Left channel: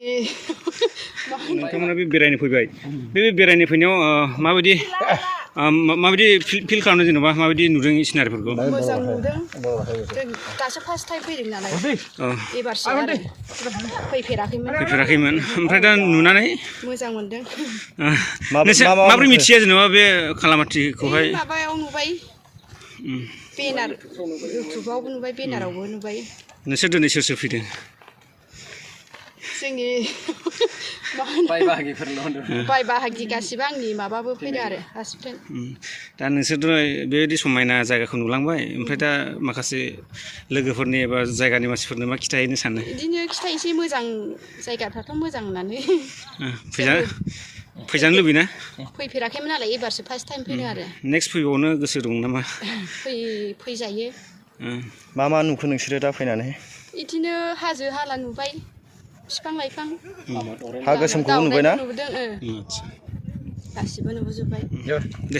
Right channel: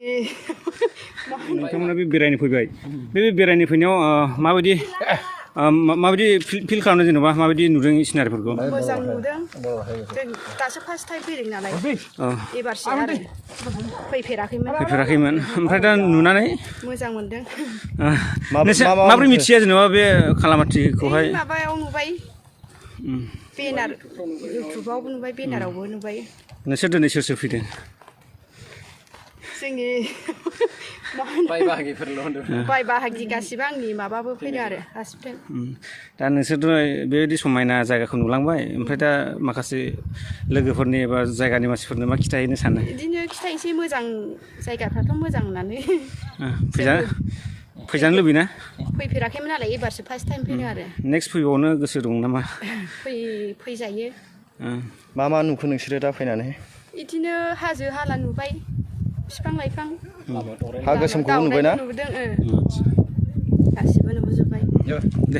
नोंथांमोना बे बेरायनो फैबाय बे बेरायनो फैनायाव माबायदि फिल खालामदों जेनेबा माबायदि नुदों सिनारिफोरखौ मोजां नुदों जों दासो फार्स्ट टाइम फैदों नालाय एबारसो आरो फैफेराखैमोन ओमफ्राय दा नुनानै मोजां मोनदों माबोरै मिथिया जेनेबा बे खालामाथिखौहाय माबायाव नुबाय बेनार इउटुबावबो नुबाय बेनारावबो नुबाय नोंसोर दिनै सोर सोर फैदों जोंनि बाय बाहागि गासिबो आंनि माबाबो फैदों आरो हासबेन्ड दा नोंसोरथ' बेबायदि समायना जायगाखौ नुलांबाय ओमफ्राय दा माखासे लोगोफोरनि एबा जायगानि मानसिफोरनो मा खिथाहैनो सानो बिदिनो खिथायनोसै मोजां जायगाफ्राथ' मोजां होननानै फैजानो लुबैना फैफेराखैमोन नालाय एबारसो फार्स्ट टाइम फैदों आरो नेक्स्ट फैबावनो गोसो दं नामा फैजायो मा नुखो नोंसोरो दा फैनानै बिदिनो हाजो हाला नुबाय बिफां लाइफां हा गोसोमखौबो नुबायना नुदों गासिबो नुबोजोब्बाय दे